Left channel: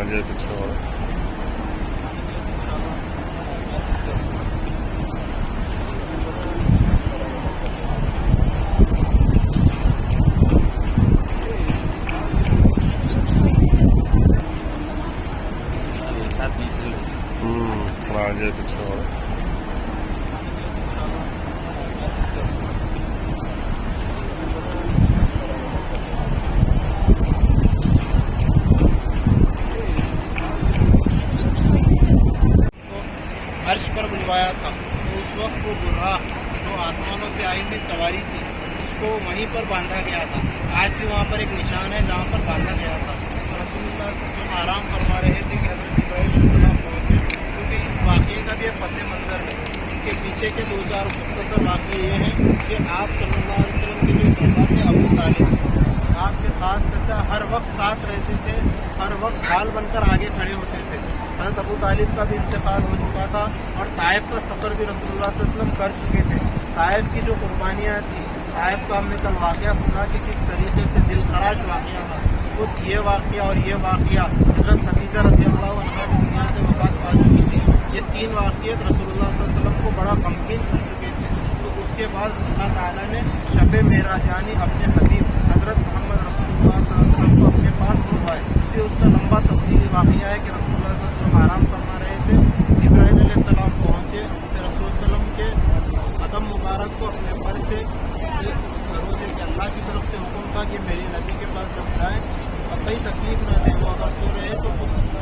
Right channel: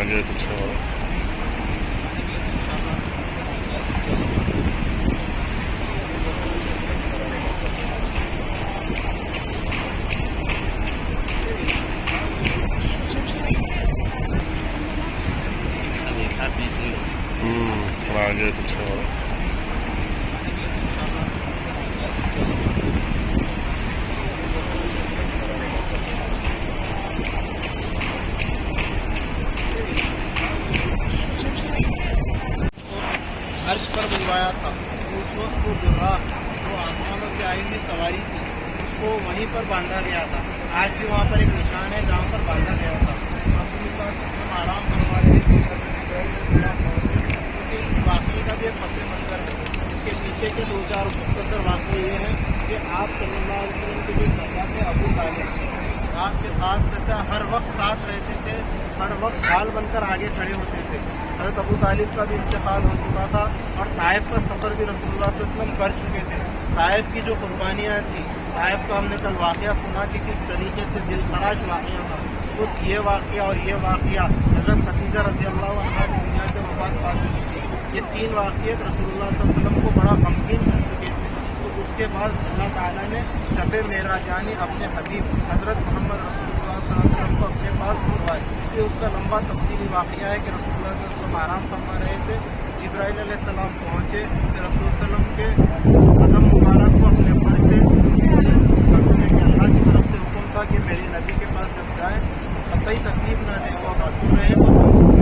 آگے پیچھے والا آگے پیچھے والا عرش پر بلوایا تھا تو اس وقت وہ براق جو آسمانوں سے آئی ہوئی سواری تھی اس کو وہیں پر باندھا گیا تھا. آج بھی وہاں پر ایک نشان ہے جہاں پر باندھا گیا تھا. رسول اللہ صلی اللہ علیہ وسلم آرام فرما رہے تھے کہ حضرت جبرائیل علیہ السلام پہنچے, کیونکہ اس واقعے کا بھی ایک پس منظر ہے. اس کے پیچھے کے دو چار مختصر واقعے یہ ہیں کہ آپ صلی اللہ علیہ وسلم کے جو چچا تھے ابو طالب, آپ کے خاص چچا ہر وقت ساتھ رہتے تھے, ہر وقت ڈھال بن کر آگے کھڑے ہوتے تھے. حضرت ابو طالب کا بھی انتقال ہو چکا تھا اور طائف کا سفر بھی رسول اللہ صلی اللہ علیہ وسلم کر چکے تھے. طائف کی جو قربانیاں تھیں, طائف کا ہم نے کل واقعہ سنا کہ کس طریقے سے دل خراش واقعہ تھا. وہ یہ واقعہ اور یہ واقعہ حضرت خدیجہ رضی اللہ عنہا کی دنیا سے وفات پا چکی تھی. یہ تین واقعات رسول اللہ صلی اللہ علیہ وسلم کو بڑا غمگین کر چکے تھے. تو اس کے بعد اللہ تعالیٰ نے شب معراج یعنی اپنے حبیب حضرت محمد رسول اللہ صلی اللہ علیہ وسلم کو اپنے پاس بلوائے. یہ اس کا لمبا تفصیلی واقعہ ہے کہ رسول اللہ صلی اللہ علیہ وسلم آرام فرما رہے تھے, جبرائیل علیہ السلام پہنچے, پھر رسول صلی اللہ علیہ وسلم کے قدم مبارک کو اپنے پر سے کہ اللہ کی طرف سے حکم تھا کہ میری نبی کے پاس جب جائیں قطعی تکلیف نہ دیں, وہ اگر سو رہے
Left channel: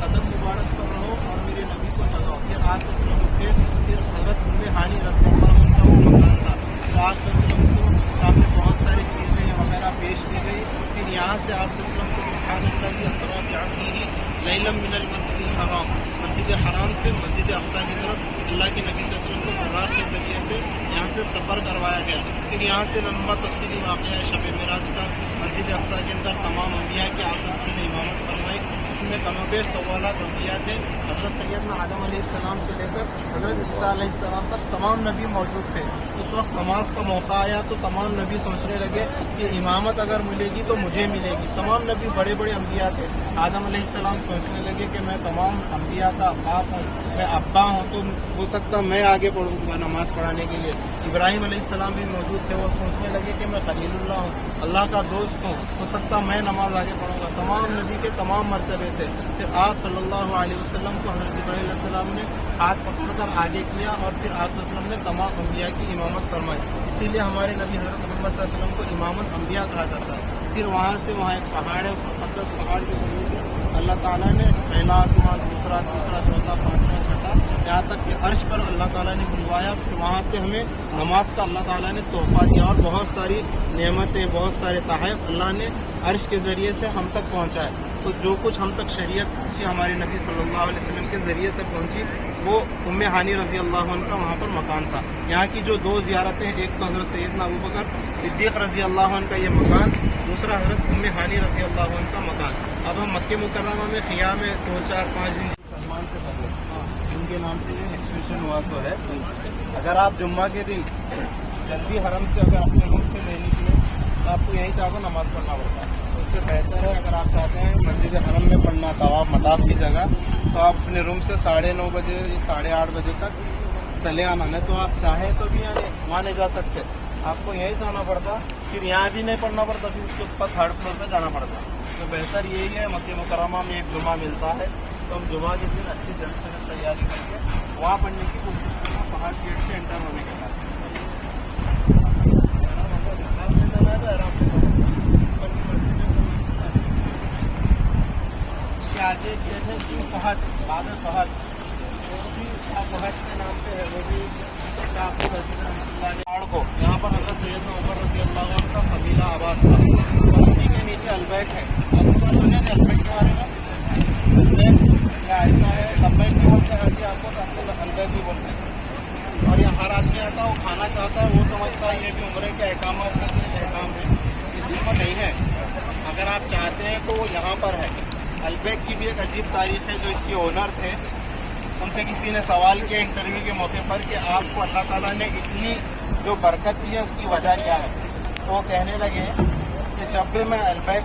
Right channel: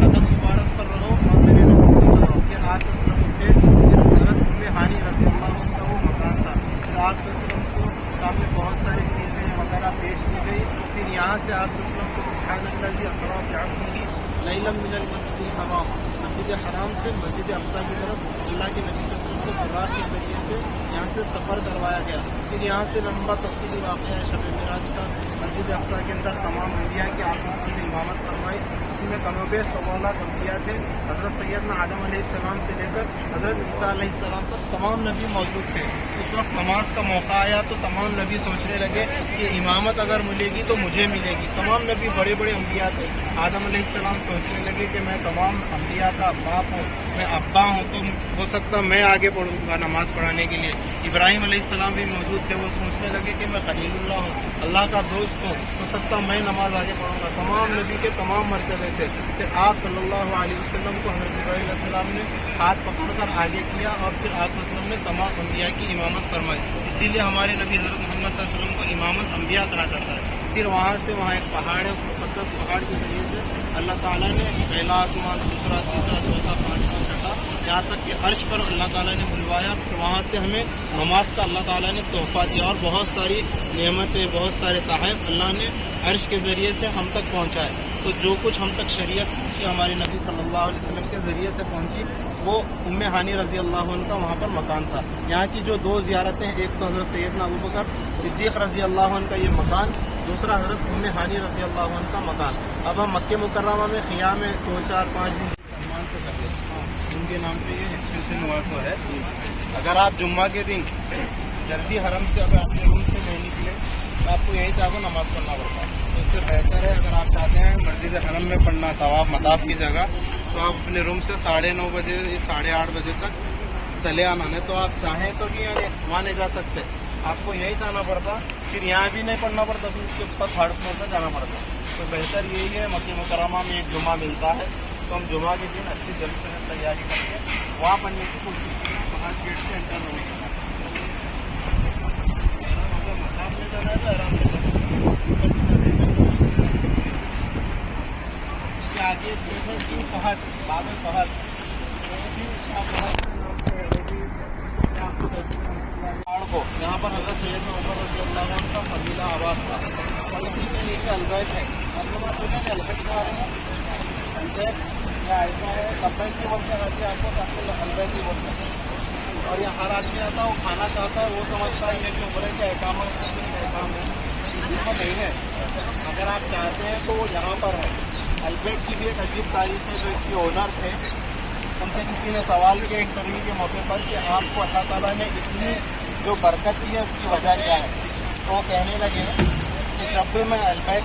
قدم مبارک پر رہو اور میرے نبی کو چلاؤ. پھر آپ صلی اللہ علیہ وسلم اٹھے, پھر حضرت ام ہانی رضی اللہ عنہ کا وہ مکان تھا, پھر آپ صلی اللہ علیہ وسلم کو سامنے بہت ساری چیزیں وغیرہ پیش کی گئی. پھر یہاں سے آپ صلی اللہ علیہ وسلم کو سبحان اللہ اسرا بعبدہ لیلا من المسجد الحرام, مسجد حرام سے مسجد اقصی کی طرف اللہ کے نبی صلی اللہ علیہ وسلم کو براق کے ذریعے سے یہاں سے سفر کروایا گیا. پھر یہاں سے لمبا تفصیلی واقعہ ہے شب معراج کا. مسجد اقصی کے اندر تمام انبیاء کی آپ اس کی امامت فرمائی. اس میں کم و بیش 16 انبیاء تھے. حضرت سیدنا آدم علیہ السلام سے لے کر حضرت عیسیٰ علیہ السلام تک تمام نبی موجود تھے. اس وقت نماز کا موقع آیا تو تمام نبی سوچنے لگے کہ امامت اگر ملے گی تو مجھے ملے گی. تمام نبی بڑے بڑے انبیاء تھے. آدم علیہ السلام سوچنے لگے کہ میں تمام انبیاء کا باپ ہوں, میں ابا ہوں, تو ہو سکتا میں آگے پڑھوں گا نماز پڑھانے کے لیے. ابراہیم علیہ السلام بھی موجود تھے, وہ سوچنے لگے کہ میں خلیل اللہ ہوں, اللہ کا دوست ہوں, ہو سکتا میں نماز آگے پڑھوں گا. تمام نبی کے تمام مرتبے تھے. پھر آپ صلی اللہ علیہ وسلم کو حضرت جبرائیل علیہ السلام نے ہاتھ پکڑ کر آگے کیا اور پھر آپ صلی اللہ علیہ وسلم نے تمام انبیاء کی امامت فرمائی. اسی لیے ہمارے نبی حضرت محمد صلی اللہ علیہ وسلم کو امامت انبیاء کہا جاتا ہے. پھر وہاں سے وہاں ایک پہاڑ ہے, اس مقدس پہاڑ کے ذریعے سے اللہ تعالیٰ نے پہلا آسمان, دوسرا, تیسرا, چوتھا, پانچواں, چھٹا, یہاں تک کہ عرش پر اللہ تعالیٰ نے بلوایا. پھر وہاں سے ہمیں نماز کا اللہ تعالیٰ نے تحفہ دیا اور بہت ساری نعمتیں, بہت سارے تحائف اللہ نے عرش کے ذریعے سے ہم تک پہنچائے. تو جو کچھ ہم تک شریعت پہنچی ہمارے نبی صلی اللہ علیہ وسلم کے ذریعے سے پہنچی, وہ ام ہانی رضی اللہ عنہ کا وہاں پر مکان تھا. یہاں کی جو دو زیارتیں ہیں, ایک تو حضرت سیدنا ابو بکر صدیق رضی اللہ عنہ کا یہ مکان, دوسرا حضرت ام ہانی رضی اللہ عنہ کا مکان. اب ہم مکہ مکرمہ میں خیام میں 2-4-5 دن سلمان سے کر لیں. ان کے نام پہ یہ ایکسٹینشن ہوا تو ہے. اگر آپ جمعہ کے دن جلدی حرم سے اگر اپنے روم سے نہیں نکلے تو آپ کو یہیں سے آپ کو نماز پڑھنا پڑتا. تو اس سے بہتر ہے اگر آپ چاہتے ہیں مسجد حرم میں پڑھنا طواف مطاف کی جگہ, تو آپ اپنے روم سے 9:30 بجے یا 8:30 بجے تک چلے آنا. نہیں تو آپ چاہیں تو بھی وہاں نہیں جا سکتے, آپ کو یہیں جانا پڑتا. پھر یہاں بھی نہیں پڑھنا پڑتا, پھر اس کے اوپر 3rd فلور پہ جانا پڑتا. تو بہتر یہی ہے, مکہ مکرمہ میں ایک جمعہ ملتا ہے تو ہم جمعہ کے دن اچھی جلد سے تیاری کر کے وہاں پڑھنے کی کوشش کرنا. باہر گیٹ سے انٹر ہونے کا آرام سے اس کے آگے ایک گیٹ ہے جی فہد, باب فہد, فہد کے نام سے ہے. وہ بھی آپ کو یہاں پر حضرت سیدنا عمر رضی اللہ عنہ کا قبیلہ آباد تھا. اسی کے نیچے البیت ہے. آپ کو پتہ ہے البیت کے بارے میں؟ البیت کا ایسا ہے, لبیک بھی بولتے ہیں جی, آپ کو البیت بھی بولتے ہیں. اور یہاں ہر آدمی آتا ہے, وہ کھانا چاہتا ہے, وہ سمجھتا ہے یہ بھی عمرے کے احکامات میں صرف احکام ہے, اس میں نہیں ہے. اگر آپ چاہتے ہیں تو وہ یہاں پر ہے. البیت کی بھی ایک عجیب تاریخ ہے. جو اس کے اونر تھے ان سے کسی نے سوال کیا انٹرویو کے موقع پر کہ آپ کو اللہ تعالیٰ نے اتنی جو برکت دی ہے اس کی وجہ کیا ہے. تو وہ کہنے لگے کہ جب بھی میں البیت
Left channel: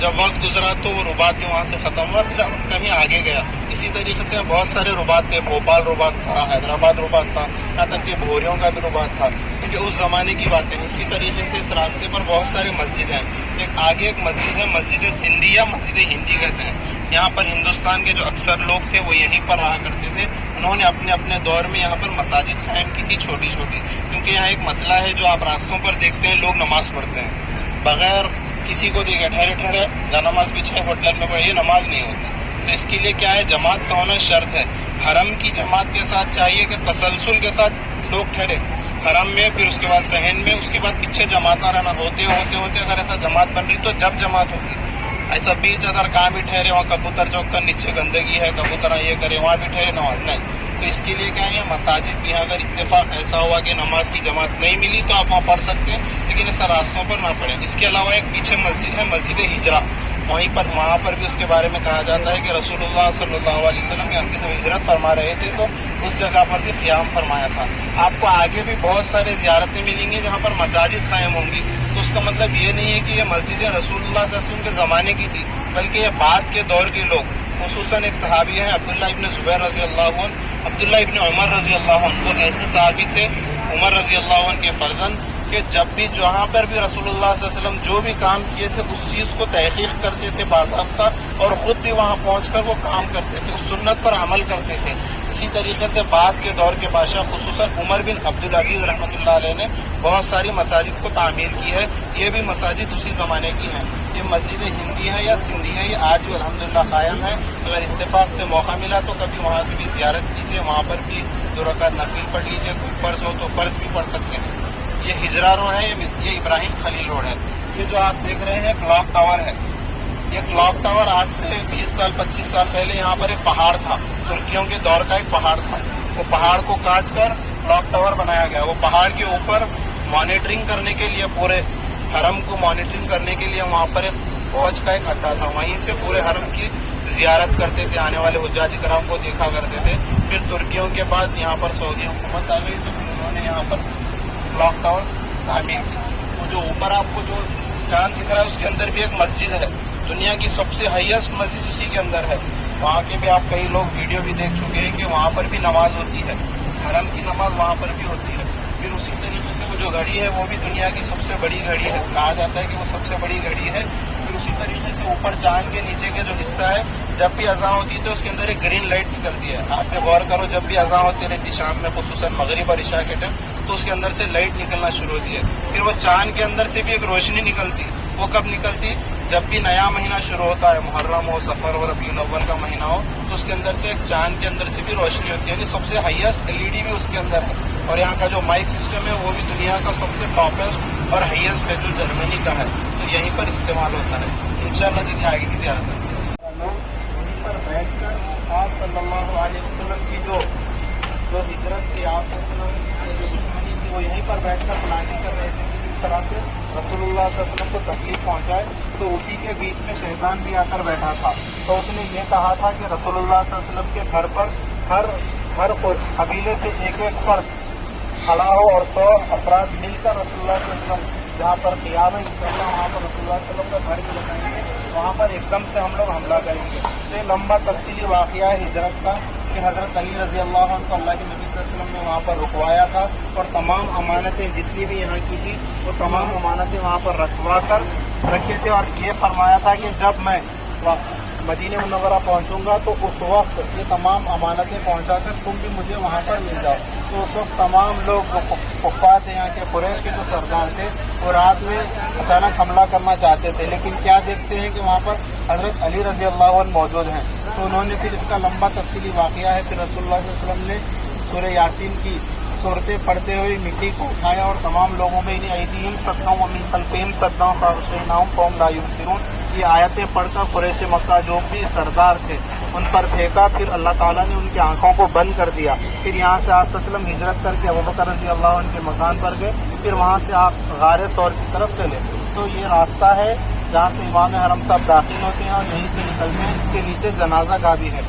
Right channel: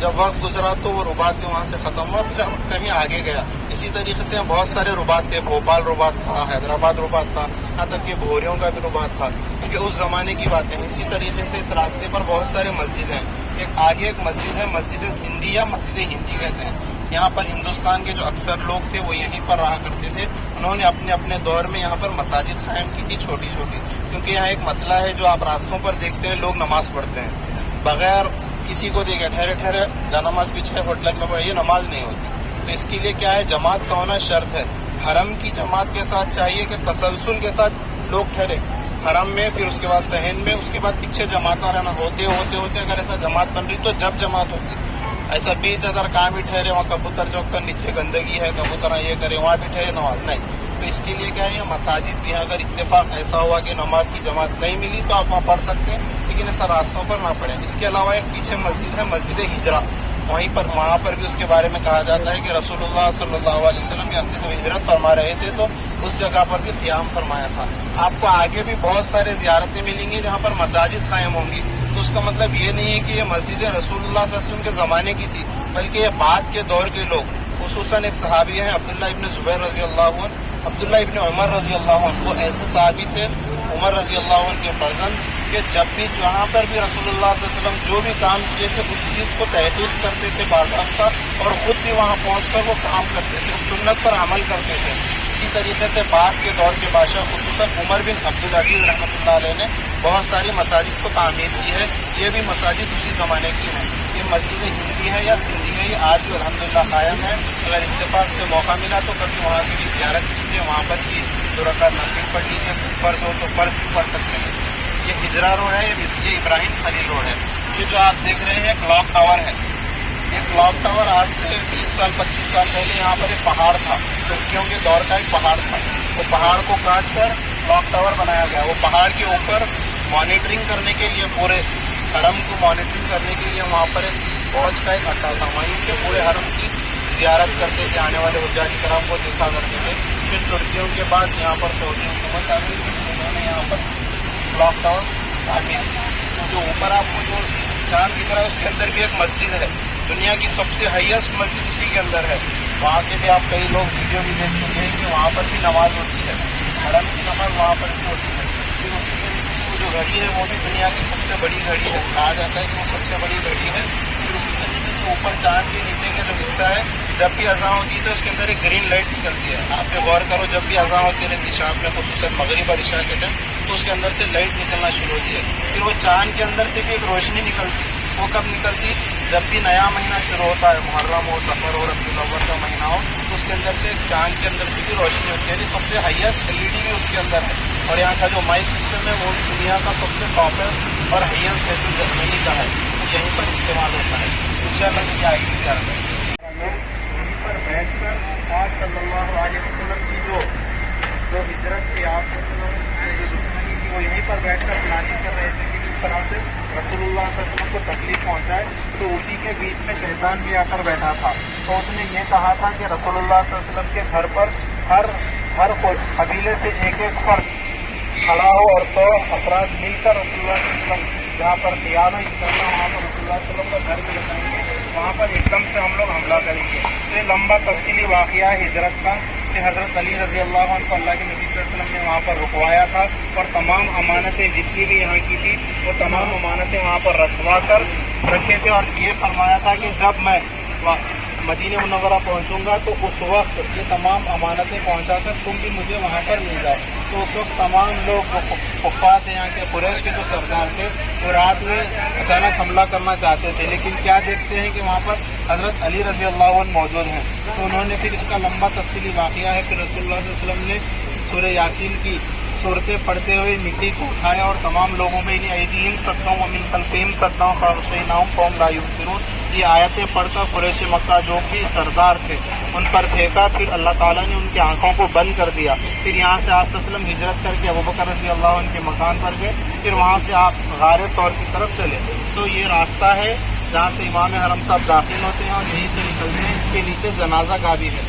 جب وقت گزرا تو وہ رباط بھی وہاں سے ختم ہوا، پھر کہیں آگے گیا۔ اسی طریقے سے بہت سارے رباط تھے، بھوپال رباط تھا، حیدرآباد رباط تھا، یہاں تک کہ بھوریوں کا بھی رباط تھا، جو اس زمانے کی باتیں ہیں۔ اسی طریقے سے اس راستے پر بہت سارے مسجد ہیں۔ آگے ایک مسجد ہے، مسجد سندھی یا مسجد ہندی کہتے ہیں۔ یہاں پر ہندوستان کے جو اکثر لوگ تھے وہ یہیں پر رہا کرتے تھے۔ انہوں نے اپنے اپنے دور میں یہاں پر مساجد قائم کی تھی، چھوٹی چھوٹی، کیونکہ یہاں ایک مسئلہ ہے جو آپ راستوں پر دیکھتے ہیں، لوگ نماز پڑھتے ہیں بغیر کسی کو دیکھے، ٹھہرے ٹھہرے جا نماز پیچھے ہوٹل میں پڑھی، یہ نماز نہیں ہوتی۔ تو اس کے لیے کیا ہے، جماعت کا ہونا شرط ہے۔ حرم کی جماعت کے ساتھ چاہیے کہ تسلسل کے ساتھ لوگ ٹھہرے حرم میں، پھر اس کے بعد صحن میں، اس کے بعد پیچھے جماعت رہنا، ہوتے اگر ایسا جماعت بن رہی تو جب جماعت ہوتی، ایسا بیچ اگر کہاں بھی ٹھہرے، وہاں کبوتر چوک کر نیچے گندگی ہے، کبوتر یہ کرے، وہاں بھی ٹھہرے نماز نہیں۔ تو اس کے لیے کیا ہے، مساجد بھی اگر اتفاق ایسا ہوا کہ نماز کی جماعت نہیں ملی تو آپ وہاں پڑھ سکتے ہیں، لیکن ایسا راستوں پر نہ پڑھیں۔ اس کے علاوہ ایک پیچھے مسجد ہے، مسجد ہجرہ، وہاں پر بھی اس کے بارے میں کہا جاتا ہے کہ رسول اللہ صلی اللہ علیہ وسلم یہاں سے جب ہجرت فرما رہے تھے تو اس جگہ پر بھی قیام فرمایا تھا۔ آپ کو آگے بھی بہت سارے زیارتیں ملیں گی جہاں پر مساجد قائم ہوں گی، تو اس کا مطلب یہ نہیں ہے کہ یہ مسجد رسول اللہ صلی اللہ علیہ وسلم کے زمانے کی تھی، بلکہ یہ بعد کے دور کے لوگ، خصوصاً ایک صحابی ہیں عبداللہ ابن زبیر رضی اللہ عنہ، عبداللہ ابن عمر رضی اللہ عنہ، وہ ایسے صحابی تھے عمر رضی اللہ عنہ کے فرزند، کہ جب بھی جہاں پر بھی رسول اللہ صلی اللہ علیہ وسلم جو بھی کام کیے تھے اس چیز کو تحقیق کرتے تھے باضابطہ، اور خود بھی وہاں پہنچ کر وہ کام کرتے تھے، اس سنت پر عمل کرتے تھے۔ اسی طریقے سے بعد کے دور کے بادشاہ خصوصاً عمر بن عبدالعزیز رحمۃ اللہ علیہ نے بہت ساری مساجد کو تعمیر کی ہے، یہ بھی مساجد اسی زمانے کی ہیں۔ یہ مسجد ہندی ہے یا سندھی ہے، یہ آج بھی الحمدللہ قائم ہے۔ اگر اتفاق سے موقع ملا تو کبھی وہاں کی بھی زیارت کیجیے، وہاں پر بھی 2 رکعت نفل پڑھ لیجیے، فرض ہو تو فرض بھی پڑھ سکتے ہیں۔ یہ ہجرہ روڈ ہے، یہ ابراہیم خلیل روڈ ہے۔ یہ جو آپ دیکھ رہے ہیں کلاک ٹاور ہے، یہ کلاک ٹاور آج سے 20 سال 25 سال پہلے یہاں پر ایک پہاڑ تھا، ترکیوں کے دور کا ایک پہاڑ تھا، وہ پہاڑ کو کاٹ کر کلاک ٹاور بنایا گیا۔ وہ پہاڑ کے اوپر مانیٹرنگ کرنے کے لیے، پورے حرم کو مانیٹرنگ کرنے کے لیے وہاں پر ایک فوج کا ایک اڈا تھا، وہیں سے پورے حرم کی زیارت کرتے تھے، آنے والے حجاج کرام کو دیکھا کرتے تھے۔ پھر ترکیوں کے بعد یہاں پر سعودی حکومت آ گئی تو انہوں نے یہاں پر کلاک ٹاور تعمیر کی۔ جو اوپر آپ کو جو چاند دکھ رہا ہے اس کے اندر بھی ایک مسجد ہے، دنیا کی سب سے ہائیسٹ مسجد اسی کے اندر ہے۔ وہاں کے بھی آپ کئی لوگ ویڈیو بھی دیکھ چکے ہیں کہ وہاں پر بھی نماز ہوتی ہے، حرم کی نماز وہاں پر بھی ہوتی ہے۔ پھر اسی طریقے سے جو گھڑی ہے وہ بھی دنیا کی سب سے بڑی گھڑی ہے، کہا جاتا ہے کہ وہ سب سے بڑی گھڑی ہے۔ پھر اسی طریقے سے اوپر چاند کے نیچے کا جو حصہ ہے، جب بھی اذان ہوتی ہے تو اس کے اندر ایک گرین لائٹ نکلتی ہے۔ آپ نے غور کرو، جب بھی اذان ہوتی رہتی شام میں، خصوصاً مغرب اور عشاء کے ٹائم، تو اس کے اندر سے لائٹ نکلنا شروع ہوتی ہے۔ پھر وہ چاند کے اندر سے بھی ایک روشنی نکلتی، وہ کب نکلتی؟ جب بھی نیا مہینہ شروع ہوتا ہے، محرم ہو، سفر ہو، ربیع الاول کا مہینہ ہو، تو اس کے اندر سے ایک چاند کے اندر سے بھی روشنی ہوتی ہے، یعنی سب سے ہائیسٹ LED بھی اس کے اندر ہے۔ اور یہاں کا جو مائک سسٹم ہے وہ بھی دنیا کا سب سے ٹاپسٹ اور ہائیسٹ ہے، جو جرمنی کا ہے، تو یہیں پر استعمال ہوتا ہے۔ انشاءاللہ کی تعریف کیا یہیں پر بیٹھ کر آپ صلی اللہ علیہ وسلم کی جو ہجرت تھی، آپ صلی اللہ علیہ وسلم سے جو دشمنی تھی، وہ یہیں پر بیٹھ کر پلاننگ کر رہے تھے کہ کس طرح سے رسول اللہ صلی اللہ علیہ وسلم کو تکلیف پہنچائے۔ تو اسی کے بیچ میں شیطان بھی آ کر بیٹھا تھا، تو اس نے یہ کہا تھا کہ رسول اللہ صلی اللہ علیہ وسلم کے گھر پر ہر قبیلے سے ایک فرد کھڑا ہو اور 100 افراد مل کر رسول اللہ صلی اللہ علیہ وسلم جہاں پر تیار ہو، اس طرح وہاں پر رسول اللہ صلی اللہ علیہ وسلم کا گھر بھی لگائیں گے، وہاں پر ایک دم سے ہم لوگ حملہ کریں گے۔ تو یہ لمبا تفصیلی واقعہ ہے ہجرت کا، کہ حضرت علی رضی اللہ عنہ کو اللہ کے نبی صلی اللہ علیہ وسلم نے وہاں پر رکوایا تھا، اور تمام امانتیں جتنی بھی یہاں کی تھی وہ تمام امانتیں وہاں پر رکھوا کر رکھے تھے، اور یہ فرمایا تھا کہ جب میں مدینہ منورہ پہنچوں گا تو اس وقت یہ تمام امانتیں پہنچا کر تم بھی مجھے وہاں پر مل جاؤ۔ تو اس وقت تمام لوگ کفار تھے، یہاں کے قریش کے جو سردار تھے، وہ رات میں اچانک حملہ کرنا چاہتے تھے، لیکن کیا دیکھتے ہیں کہ وہاں پر حضرت علی رضی اللہ عنہ موجود ہیں، تو انہوں نے پھر اس کا لمبا تفصیلی واقعہ ہے، پھر رسول اللہ صلی اللہ علیہ وسلم نے سورہ یاسین کی صورتیں پڑھتے ہوئے مٹی کو اٹھایا اور تمام لوگوں میں ایدیہم صدّا ومن خلفہم صدّا فاغشیناہم فہم لا یبصرون، یہ آیتیں پڑھ کر قریش مکہ جو بھی سردار تھے ان پر پھینکا، پھر اللہ تعالیٰ نے ان کی آنکھوں کو بند کر دیا۔ پھر یہاں سے آپ صلی اللہ علیہ وسلم ہجرت کر کے ابوبکر رضی اللہ عنہ کے مکان پر گئے، پھر وہاں سے آپ غار ثور کی طرف چلے۔ تو یہ راستہ ہے جہاں سے امام حرم صاحب داخل ہوتے ہیں اور یہیں سے نکلتے ہیں، اس کے نیچے جنازہ گاہ بھی ہے۔